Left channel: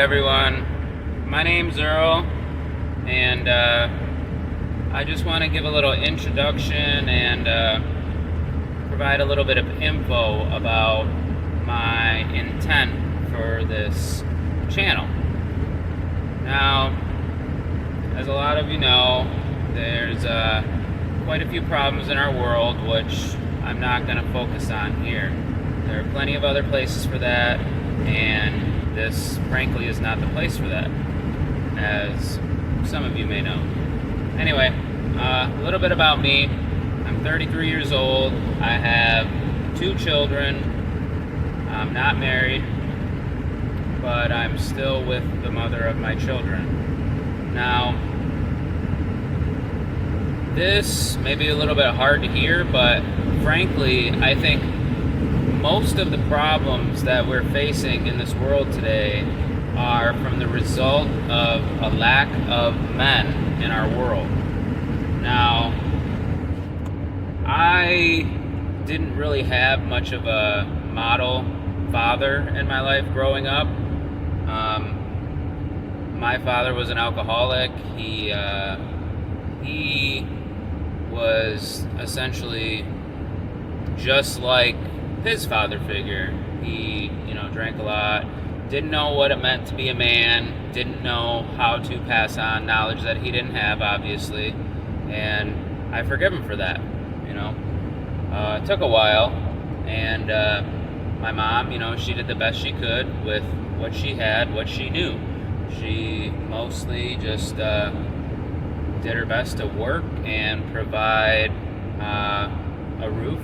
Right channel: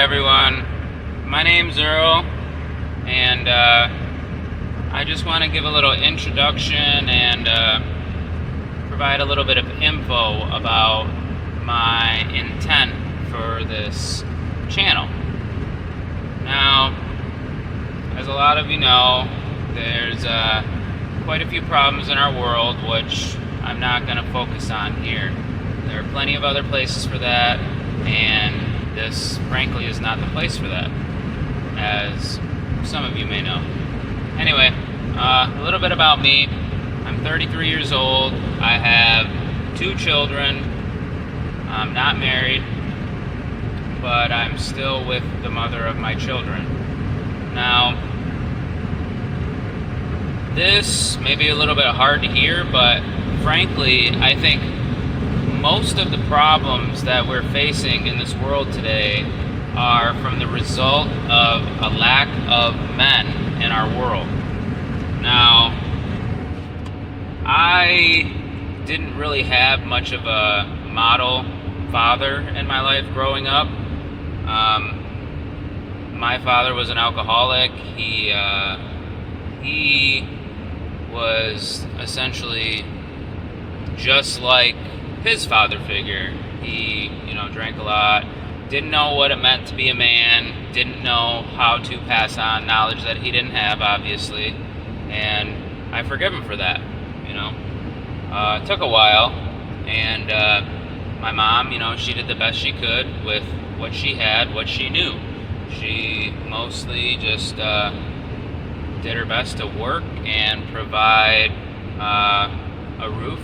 everyone. My name's Earl, and I just want to give a little introduction and provide a little bit of info about my intent for this channel. Now, as a lot of you know, there's quite a few problems in our world which I'm not going to focus on here. There are plenty of other places for that, and this, frankly, is not the place for that, as some of you may know. Anyway, a little bit about me. I'm 33 years old. I have 2 children. I'm not married, but I'm still with the mother of my children. Now, this may be a little bit hard to hear, but frankly, I think most of the problems that we're facing in this world today are from the result of a lack of men in our world. Now, I didn't really have much of a model father in my life growing up. My father was an alcoholic. He was essentially just like his father figure. He, drank a lot, didn't know what it meant to be a man, didn't know how to pass on knowledge that he didn't have, obviously, and I forgive him for that. It took a while, and my mom, she did the best she could with what she had, what she knew. She mostly just did her best to work and provide a roof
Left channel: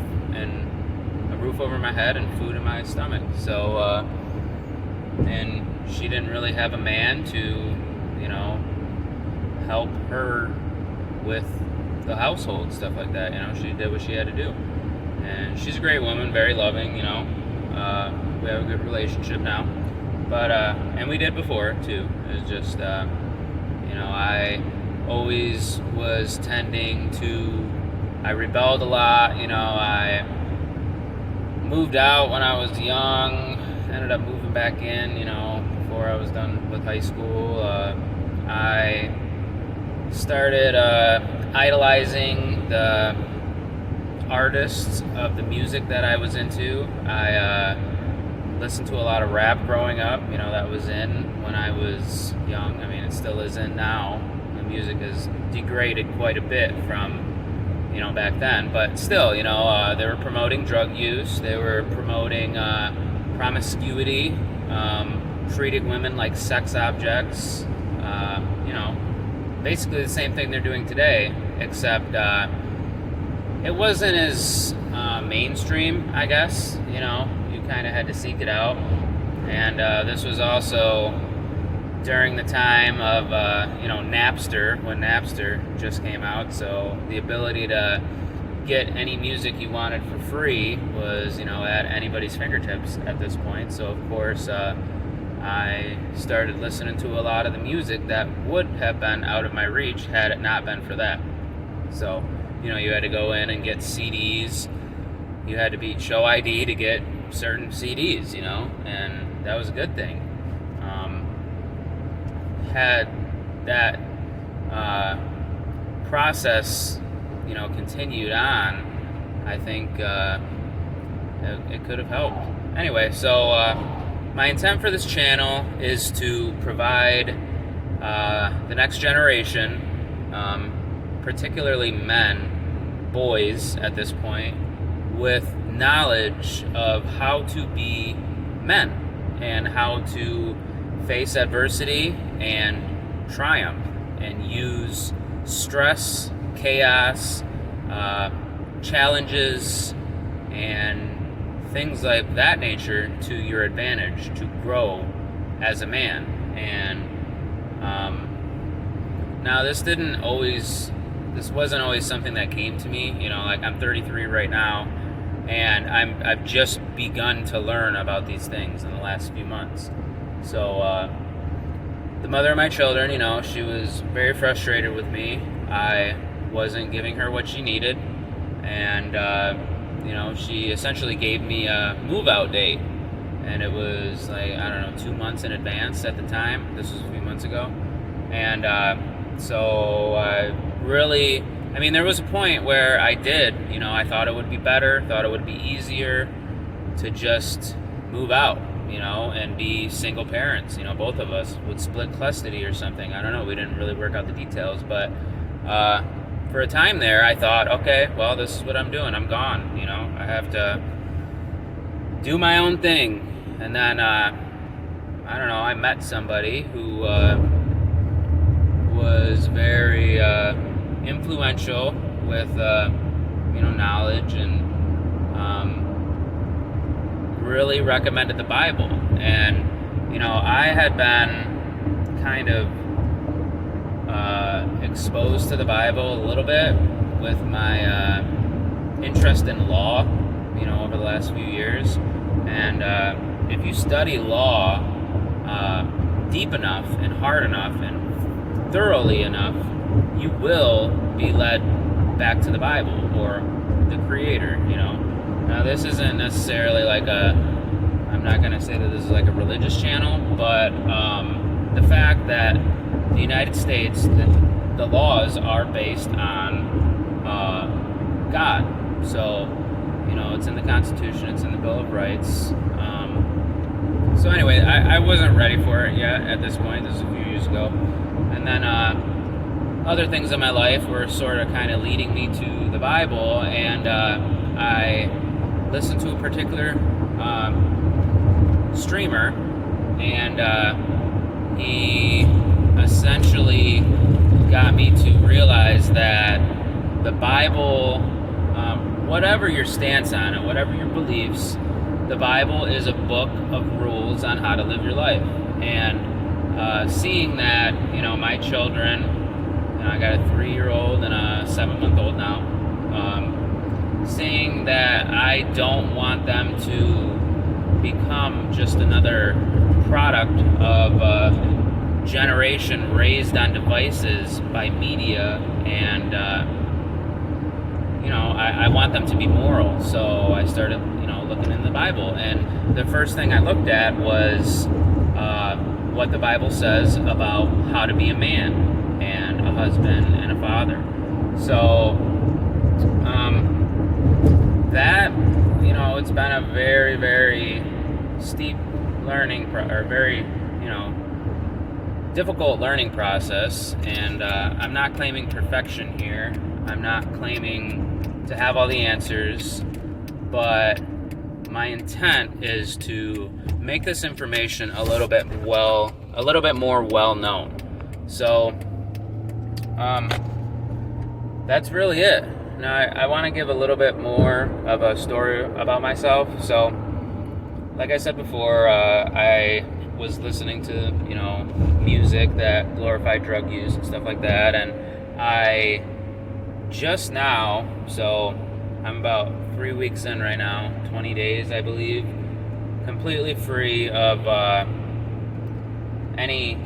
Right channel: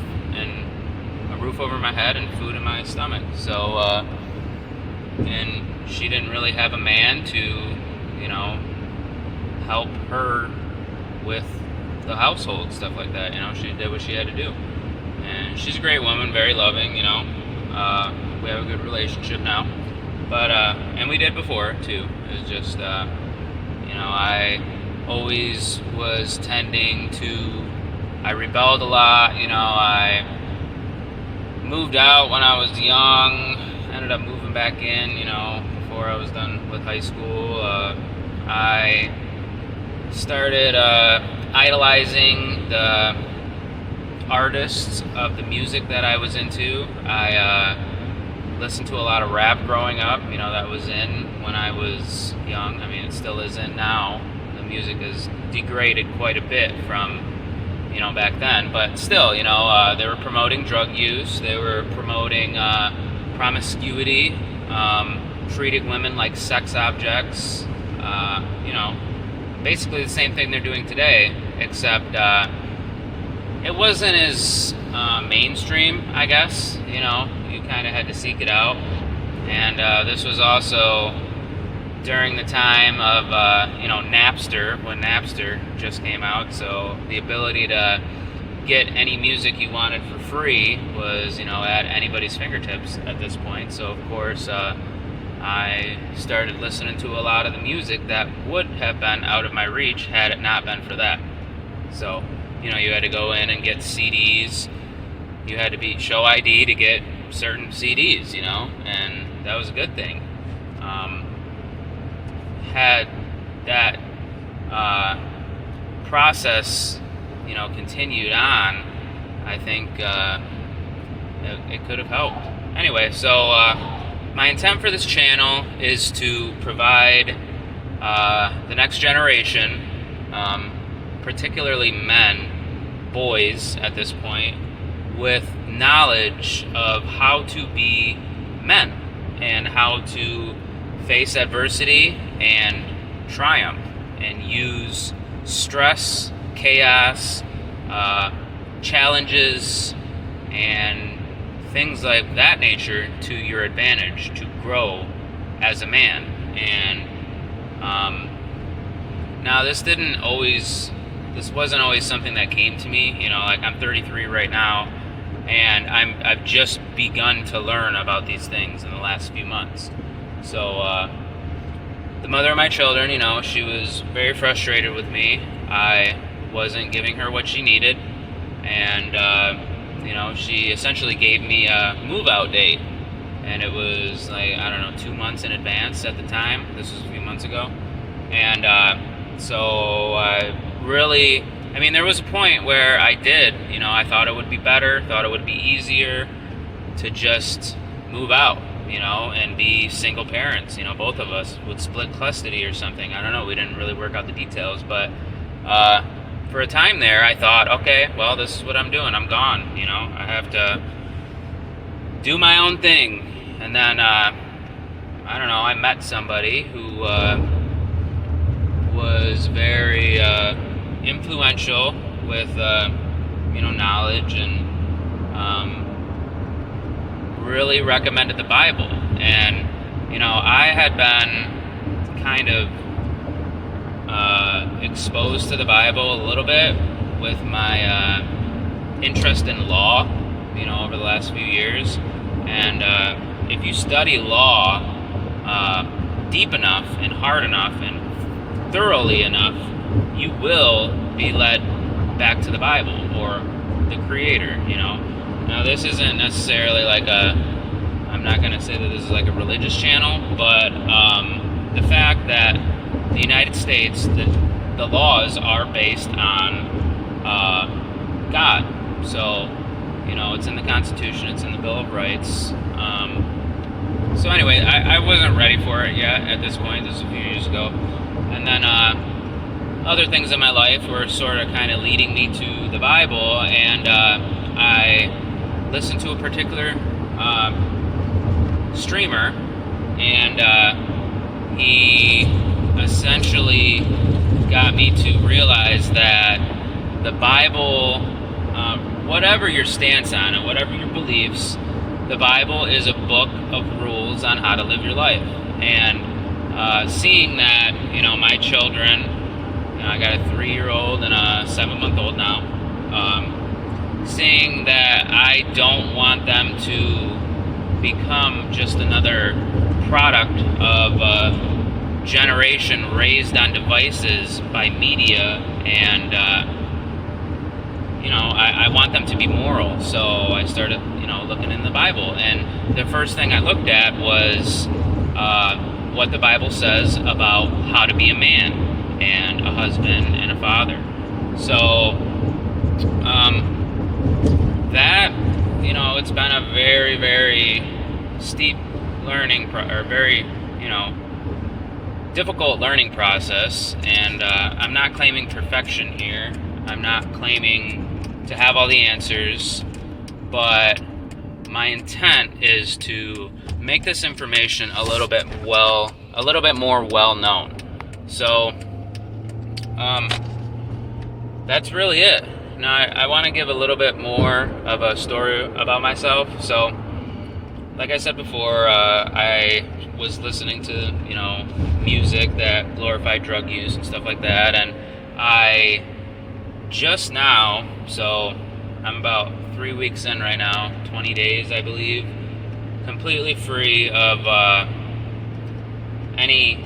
over my head and food in my stomach. So, and she didn't really have a man to, help her with the household, stuff like that. She did what she had to do. And she's a great woman, very loving, we have a good relationship now. But, and we did before, too. It was just, I always was I rebelled a lot, I moved out when I was young, ended up moving back in, before I was done with high school. I started idolizing the artists of the music that I was into. I listened to a lot of rap growing up, that was in when I was young. I mean, it still is in now. The music has degraded quite a bit from back then, but still, they were promoting drug use, they were promoting promiscuity, treating women like sex objects, basically the same thing they're doing today, except it wasn't as mainstream, I guess. You kind of had to seek it out, and this was also during the time of, Napster, when Napster just came out, so the ability to get any music you wanted for free was, at anybody's fingertips at this point. So, of course, I started listening to a lot of the music that would have been out of my reach had it not been for that. So, you had to go in and get CDs. You had to show ID to get certain CDs, and that was a good thing. Had that process, continued on, I think it could have helped. Anyway, so my intent for this channel is to provide the next generation, particularly men, boys at this point, with knowledge of how to be men and how to face adversity and triumph and use stress, chaos, challenges, and things like that nature to your advantage to grow as a man. And now this wasn't always something that came to me. I'm 33 right now, and I've just begun to learn about these things in the last few months. So the mother of my children, she was very frustrated with me. I wasn't giving her what she needed, and she essentially gave me a move-out date. and it was like, I don't know, 2 months in advance at the time. This was a few months ago. And so really, I mean, there was a point where I did, I thought it would be better, thought it would be easier to just move out, and be single parents. Both of us would split custody or something. I don't know. We didn't really work out the details, but for a time there, I thought, okay, well, this is what I'm doing. I'm gone. I have to do my own thing. And then, I don't know, I met somebody who was very influential with, knowledge, and really recommended the Bible. And, I had been kind of exposed to the Bible a little bit with my interest in law, over the last few years. And if you study law deep enough and hard enough and thoroughly enough, you will be led back to the Bible or the Creator. Now, this isn't necessarily like I'm not going to say that this is like a religious channel, but the fact that the United States, the laws are based on God. So, it's in the Constitution, it's in the Bill of Rights. So anyway, I wasn't ready for it yet at this point. This was a few years ago. And then other things in my life were sort of kind of leading me to the Bible, and I listened to a particular streamer, and he essentially got me to realize that the Bible, whatever your stance on it, whatever your beliefs, the Bible is a book of rules on how to live your life. And seeing that, my children, I got a 3-year-old and a 7-month-old now, seeing that I don't want them to become just another product of a generation raised on devices by media, and I want them to be moral. So I started looking in the Bible, and the first thing I looked at was what the Bible says about how to be a man and a husband and a father. So that, it's been a very, very steep learning or very, difficult learning process. And I'm not claiming perfection here. I'm not claiming to have all the answers, but my intent is to make this information a little bit more well known. So that's really it. Now I want to give a little bit more of a story about myself. So like I said before, I was listening to music that glorified drug use and stuff like that, and I just now, so I'm about 3 weeks in right now, 20 days I believe, completely free of any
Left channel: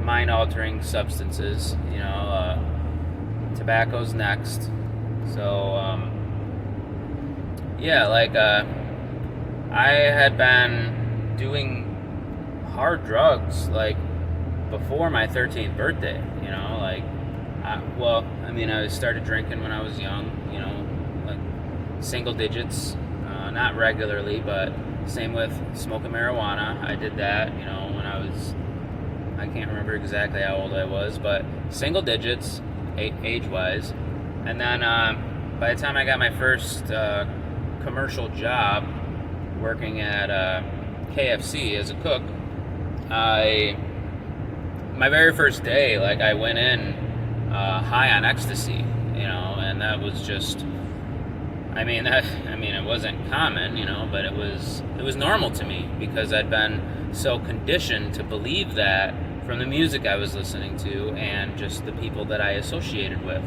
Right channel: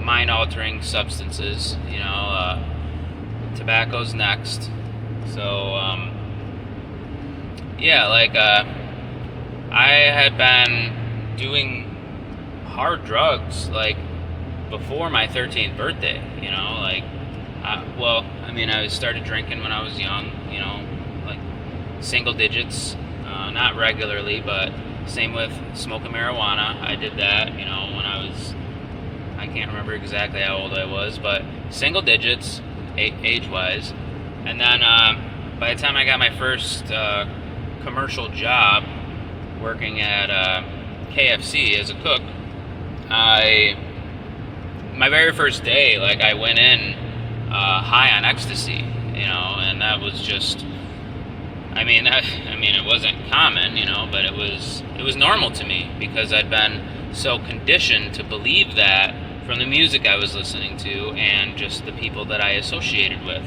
mind-altering substances. Tobacco's next. So I had been doing hard drugs like before my 13th birthday. I started drinking when I was young, like single digits, not regularly, but same with smoking marijuana. I did that, when I can't remember exactly how old I was, but single digits, age-wise. And then by the time I got my first commercial job working at KFC as a cook, my very first day, I went in high on ecstasy, and that was just, it wasn't common, but it was normal to me because I'd been so conditioned to believe that from the music I was listening to and just the people that I associated with.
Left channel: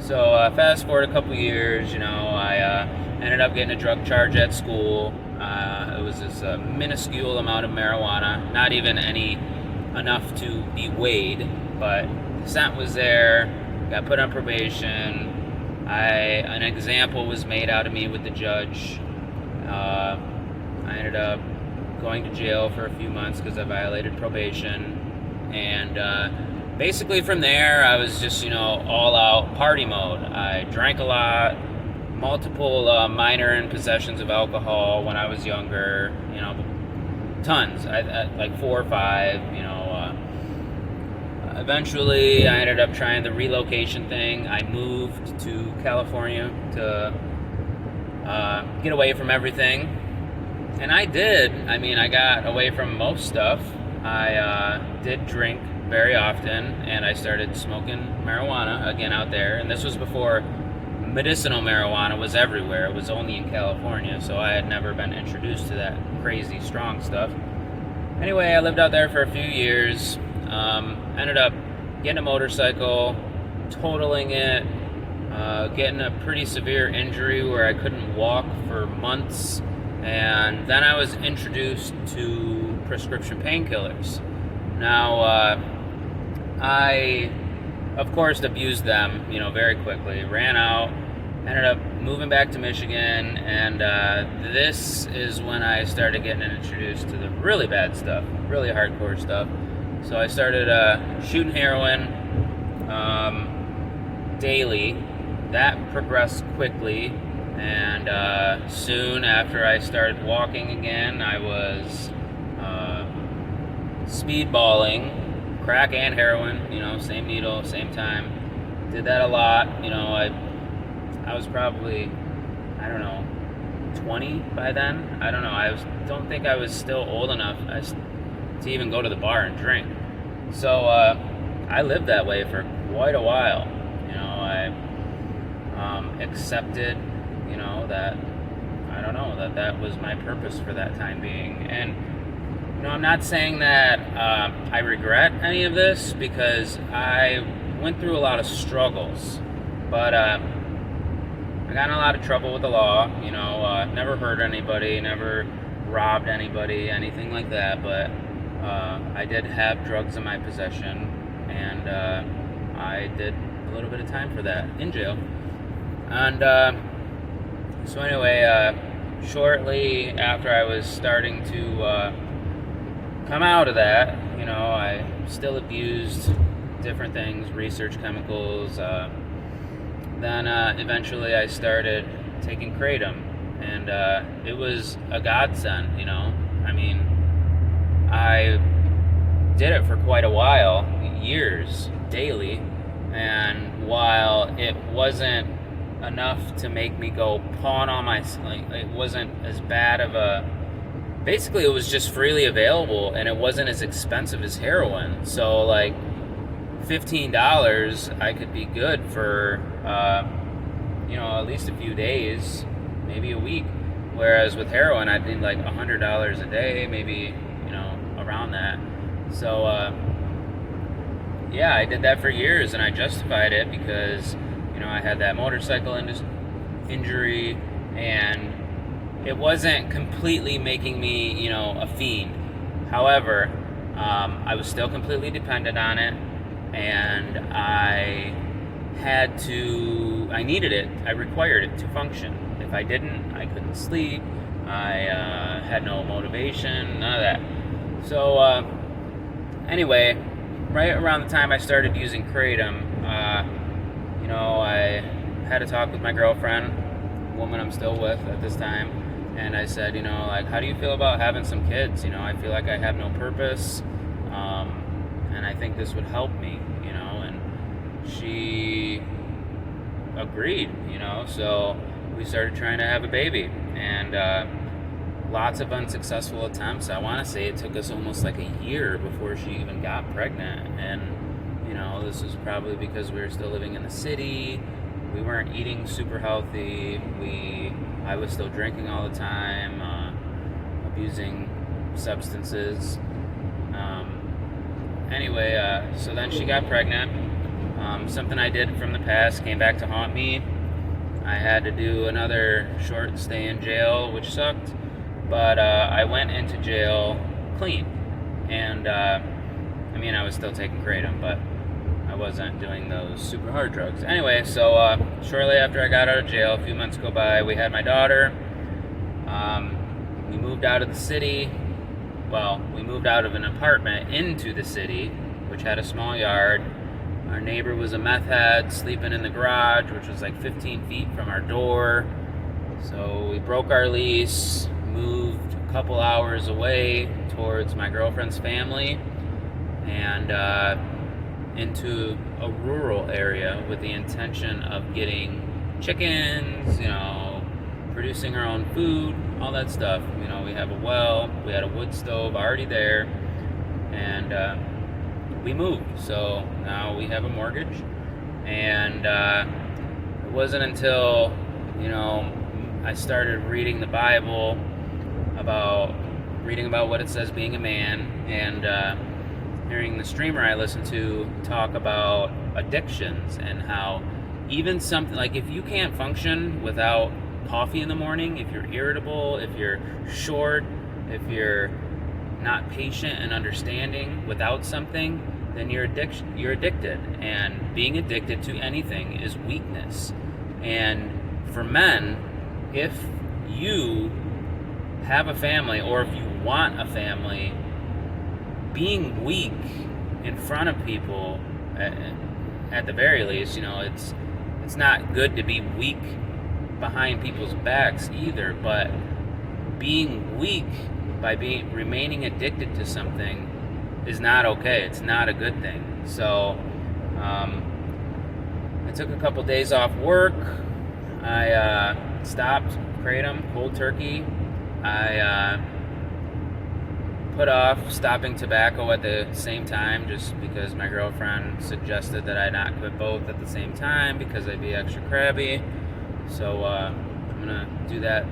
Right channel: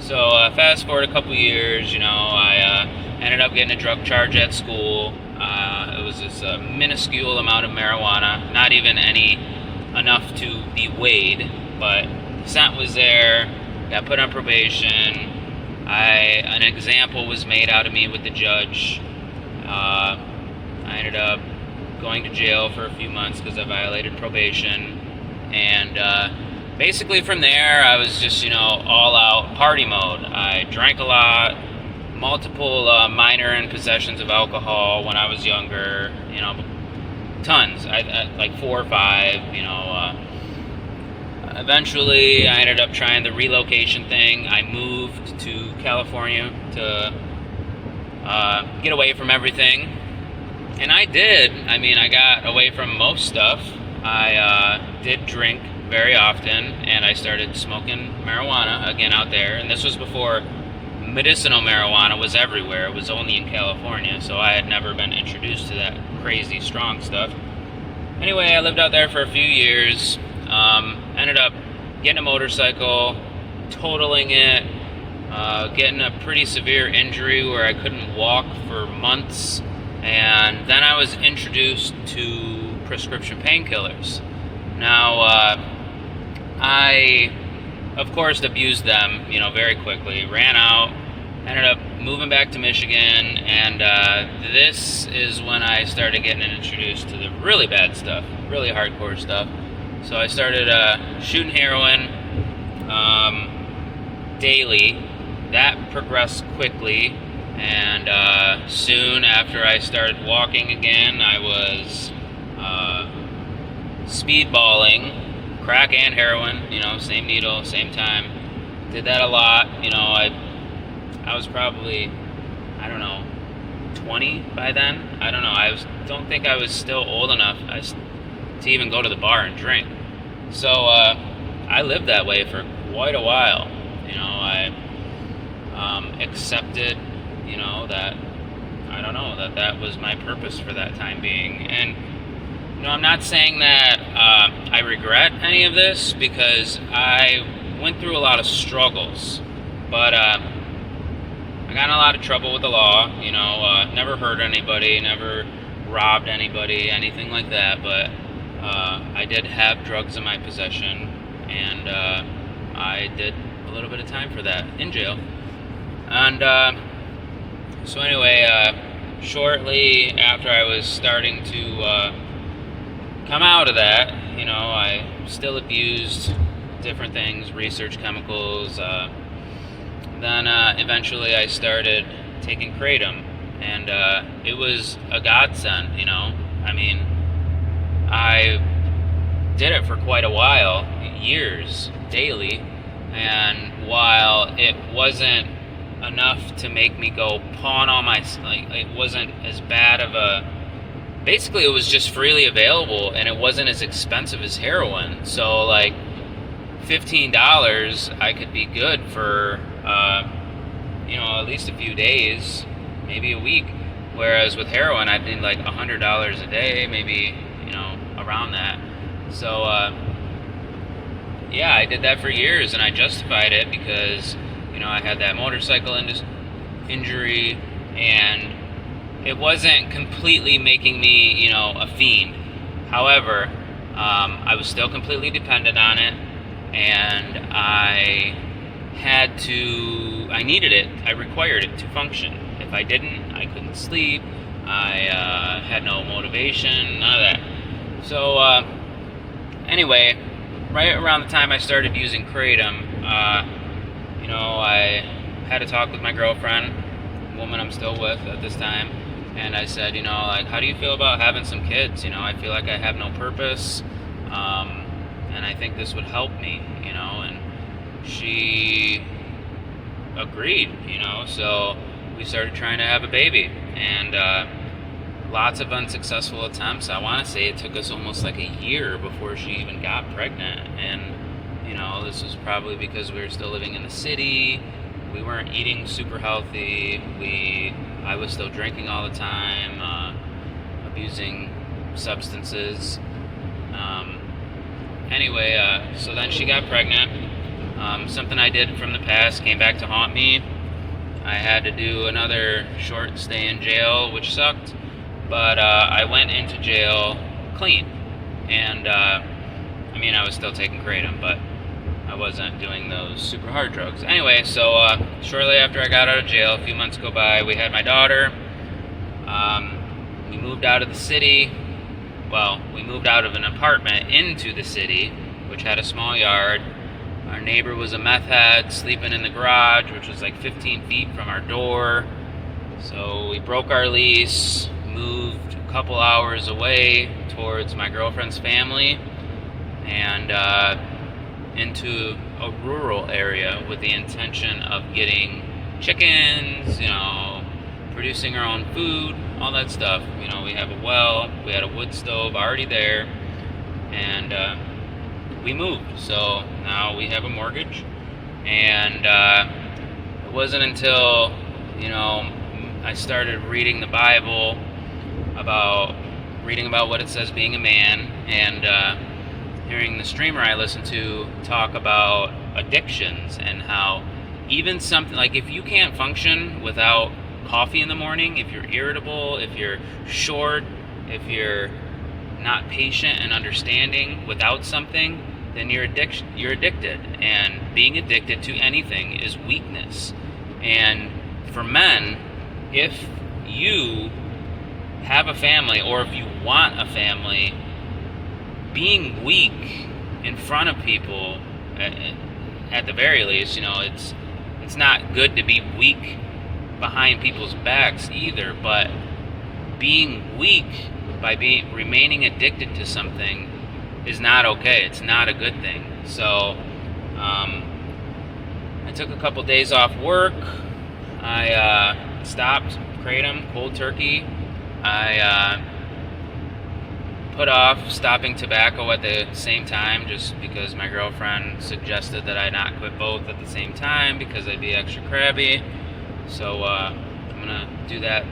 So fast forward a couple years, I ended up getting a drug charge at school. It was this minuscule amount of marijuana, not even enough to be weighed, but scent was there. Got put on probation. An example was made out of me with the judge. I ended up going to jail for a few months because I violated probation. And basically from there, I was just, all out party mode. I drank a lot, multiple minor in possessions of alcohol when I was younger, tons, I like 4 or 5, Eventually, I ended up trying the relocation thing. I moved to California to get away from everything. And I did. I got away from most stuff. I did drink very often, and I started smoking marijuana again out there. And this was before medicinal marijuana was everywhere. It was only in California, so I had never been introduced to that crazy strong stuff. Anyway, I lived out there for a few years. Ended up getting a motorcycle, totaling it, getting a pretty severe injury where I couldn't walk for months. And then I was introduced to prescription painkillers. Now, I, of course, abused them, very quickly. Ran out, ended up moving back to Michigan, and this is when I started getting introduced to the really bad stuff, really hardcore stuff. So I started shooting heroin daily. That progressed quickly. And soon after I started walking again, I was speedballing, crack and heroin, same needle, same time. Did that a lot. I was probably, 20 by then. I don't know. Don't think I was still old enough to even go to the bar and drink. So I lived that way for quite a while. I accepted that was my purpose for that time being. And I'm not saying that I regret any of this, because I went through a lot of struggles, but I got in a lot of trouble with the law. Never hurt anybody, never robbed anybody, anything like that, but I did have drugs in my possession, and I did a little bit of time for that in jail. And so anyway, shortly after I was starting to come out of that, I still abused different things, research chemicals. Then eventually I started taking kratom, and it was a godsend. I did it for quite a while, years, daily, and while it wasn't enough to make me go pawn all my, it wasn't as bad of a, basically it was just freely available, and it wasn't as expensive as heroin. So like $15, I could be good for at least a few days, maybe a week. Whereas with heroin, I'd need like $100 a day, maybe, around that. So I did that for years, and I justified it because I had that motorcycle injury, and it wasn't completely making me a fiend. However, I was still completely dependent on it, and I needed it. I required it to function. If I didn't, I couldn't sleep. I had no motivation, none of that. So anyway, right around the time I started using kratom, I had a talk with my girlfriend, woman I'm still with at this time, and I said, how do you feel about having some kids? I feel like I have no purpose, and I think this would help me, and she agreed, so we started trying to have a baby, and lots of unsuccessful attempts. I want to say it took us almost like a year before she even got pregnant, and this was probably because we were still living in the city. We weren't eating super healthy. I was still drinking all the time, abusing substances. Anyway, so then she got pregnant. Something I did from the past came back to haunt me. I had to do another short stay in jail, which sucked. But I went into jail clean. And, I was still taking kratom, but I wasn't doing those super hard drugs. Anyway, so shortly after I got out of jail, a few months go by, we had my daughter. We moved out of the city. well, we moved out of an apartment into the city, which had a small yard. Our neighbor was a meth head sleeping in the garage, which was like 15 feet from our door. So we broke our lease, moved a couple hours away towards my girlfriend's family, and into a rural area with the intention of getting chickens, producing our own food, all that stuff. We have a well, we had a wood stove already there, and we moved. So now we have a mortgage, and it wasn't until, I started reading the Bible, reading about what it says being a man, and hearing the streamer I listen to talk about addictions, and how even something like, if you can't function without coffee in the morning, if you're irritable, if you're short, if you're not patient and understanding without something, then you're addicted. And being addicted to anything is weakness. And for men, if you have a family, or if you want a family, being weak in front of people, at the very least, it's not good to be weak behind people's backs either, but being weak by remaining addicted to something is not okay. It's not a good thing. So I took a couple days off work. I stopped kratom cold turkey. I put off stopping tobacco at the same time, just because my girlfriend suggested that I not quit both at the same time because I'd be extra crabby. So I'm gonna do that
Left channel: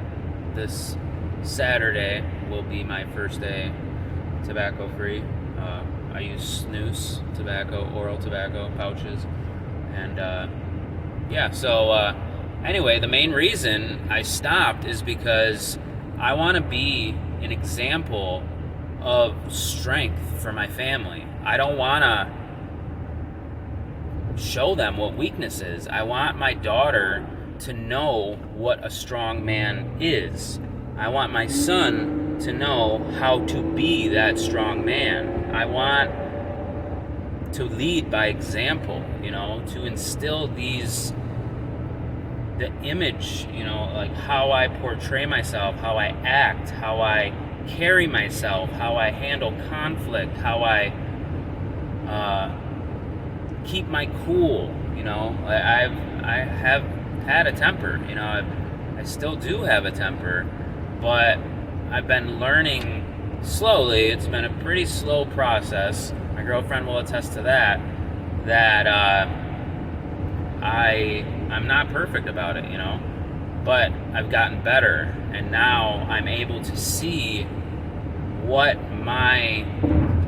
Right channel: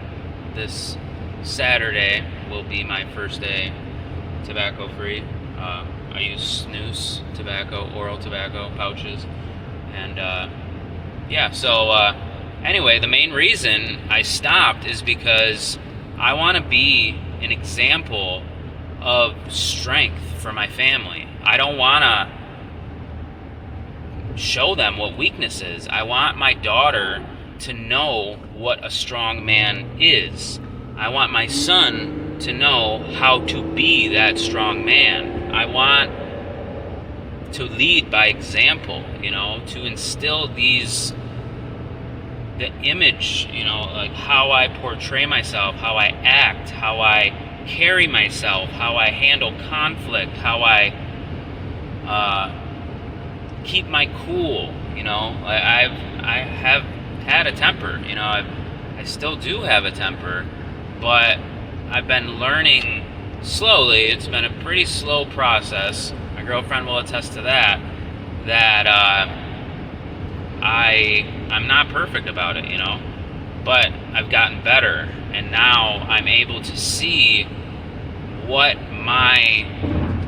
this Saturday. Will be my first day tobacco free. I use snus tobacco, oral tobacco pouches, and anyway, the main reason I stopped is because I want to be an example of strength for my family. I don't want to show them what weakness is. I want my daughter to know what a strong man is. I want my son to know how to be that strong man. I want to lead by example, to instill the image, like how I portray myself, how I act, how I carry myself, how I handle conflict, how I keep my cool. I have had a temper. I still do have a temper, but I've been learning slowly. It's been a pretty slow process. My girlfriend will attest to that. I'm not perfect about it, but I've gotten better, and now I'm able to see what my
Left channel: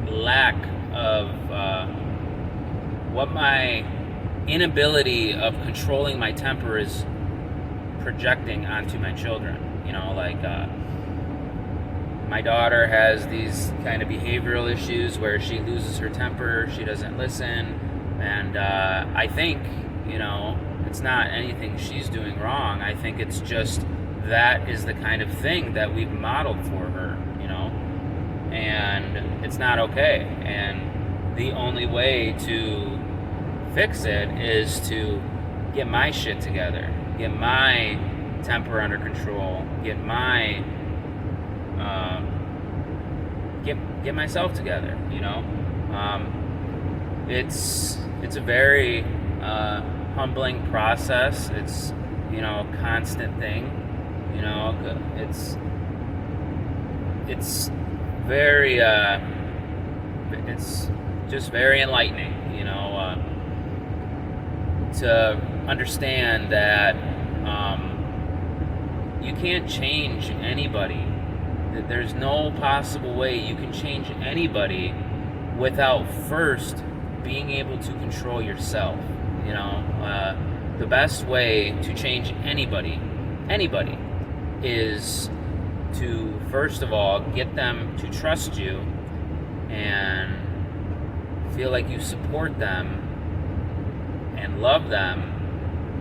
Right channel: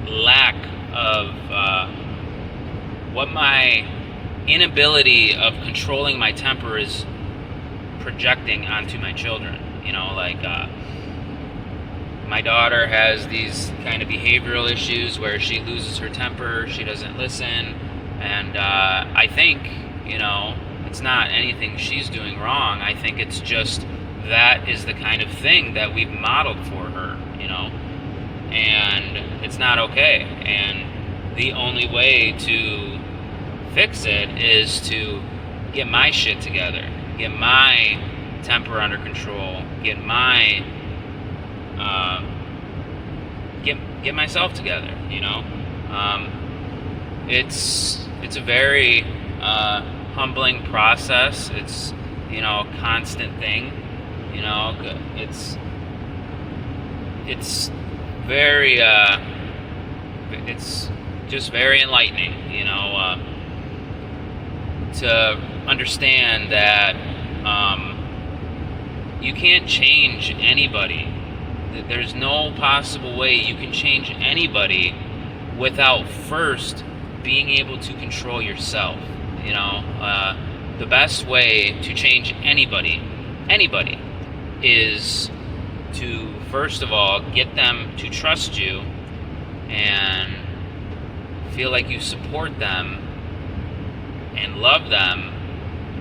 lack of, what my inability of controlling my temper is projecting onto my children. My daughter has these kind of behavioral issues where she loses her temper, she doesn't listen, and I think, it's not anything she's doing wrong. I think it's just that is the kind of thing that we've modeled for her, and it's not okay. And the only way to fix it is to get my shit together, get my temper under control, get my get myself together. It's a very humbling process. It's a constant thing. It's very it's just very enlightening, to understand that you can't change anybody. There's no possible way you can change anybody without first being able to control yourself. The best way to change anybody, is to first of all get them to trust you and feel like you support them and love them,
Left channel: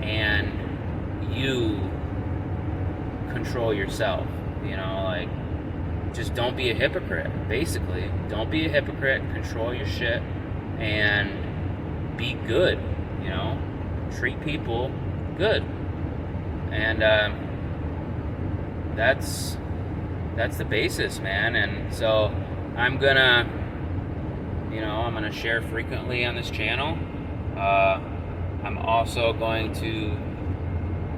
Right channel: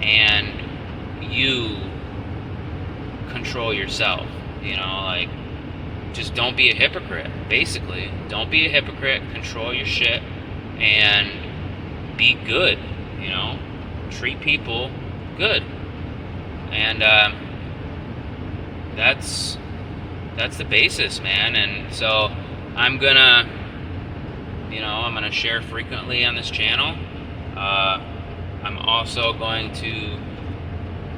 and you control yourself. just don't be a hypocrite. Basically, don't be a hypocrite. Control your shit and be good. You know, treat people good, and that's the basis, man. And so I'm gonna share frequently on this channel. I'm also going to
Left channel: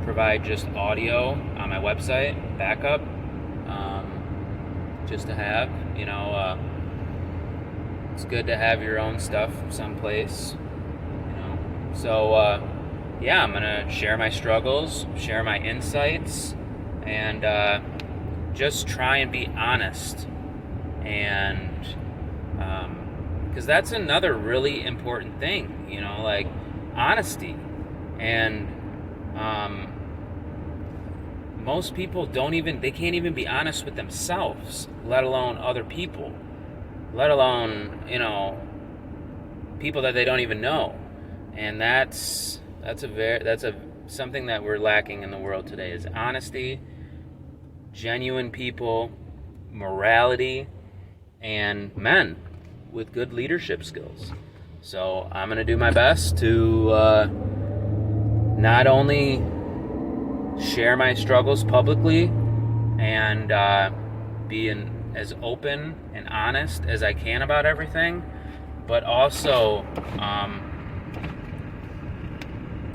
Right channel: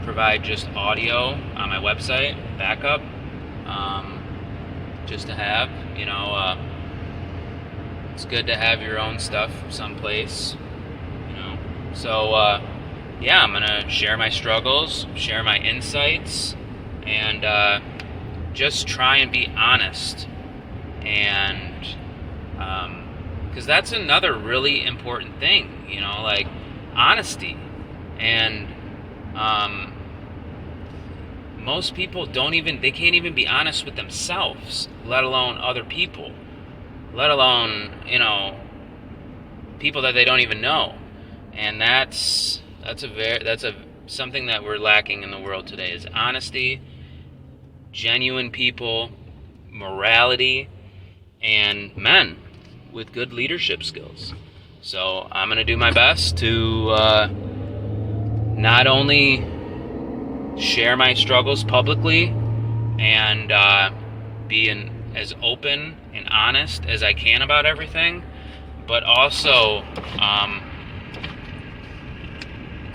provide just audio on my website, backup, just to have, it's good to have your own stuff someplace, So, I'm going to share my struggles, share my insights, and just try and be honest. And because that's another really important thing, like honesty. And most people they can't even be honest with themselves, let alone other people, let alone, people that they don't even know. And that's something that we're lacking in the world today, is honesty, genuine people, morality, and men with good leadership skills. So I'm going to do my best to not only share my struggles publicly and be as open and honest as I can about everything, but also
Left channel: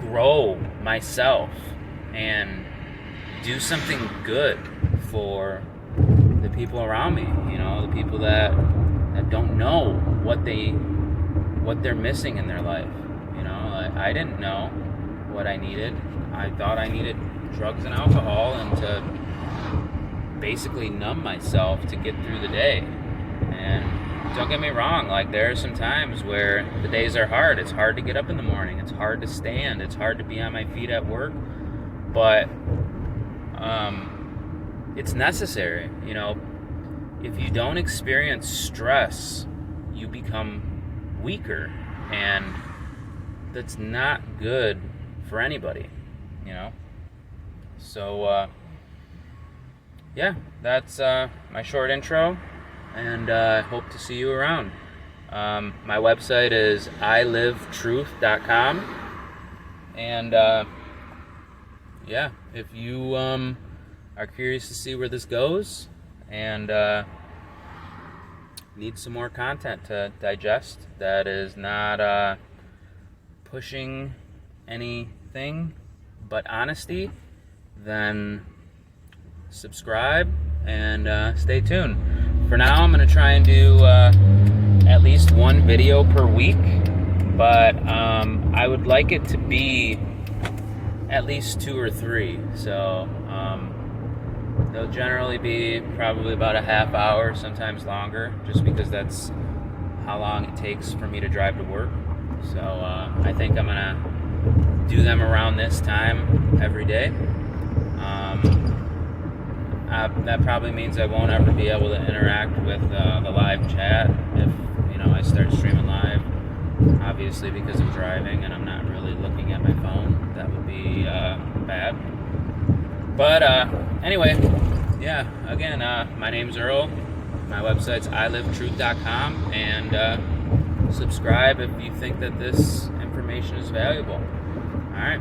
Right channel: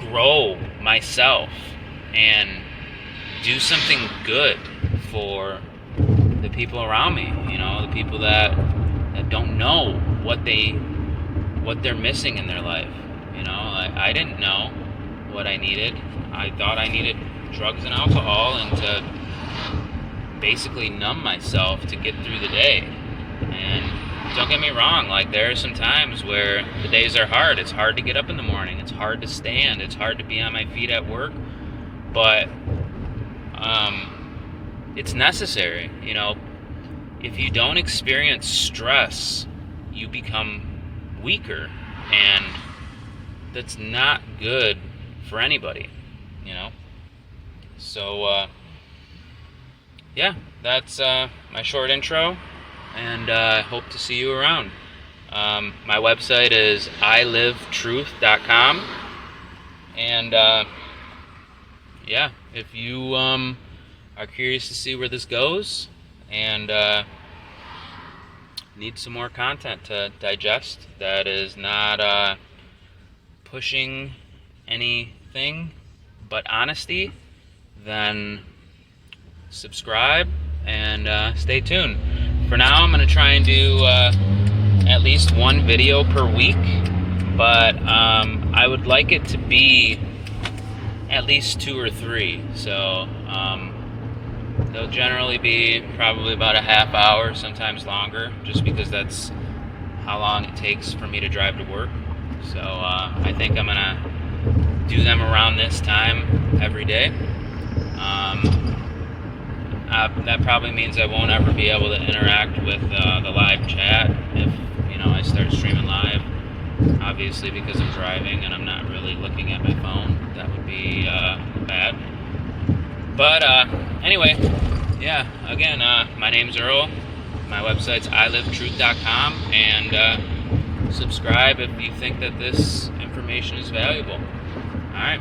grow myself and do something good for the people around me, the people that don't know what they're missing in their life. I didn't know what I needed. I thought I needed drugs and alcohol and to basically numb myself to get through the day. And don't get me wrong, there are some times where the days are hard. It's hard to get up in the morning. It's hard to stand. It's hard to be on my feet at work. But it's necessary. If you don't experience stress, you become weaker, and that's not good for anybody, So, that's my short intro, and I hope to see you around. My website is ilivetruth.com, and if you are curious to see where this goes and need some more content to digest that is not pushing anything but honesty, then subscribe and stay tuned. For now, I'm going to try and do at least one video per week, but I would like it to be at least 2 or 3. So they'll generally be probably about a half hour, sometimes longer, just because that's how long it takes for me to drive to work. So I think I'm going to do them around this time every day. That probably means I won't ever be able to interact with the live chat if I start streaming live, obviously, because I'm driving and I'm not really looking at my phone. That would be bad. But anyway, again, my name's Earl. My website's ilivetruth.com, and subscribe if you think that this information is valuable. All right.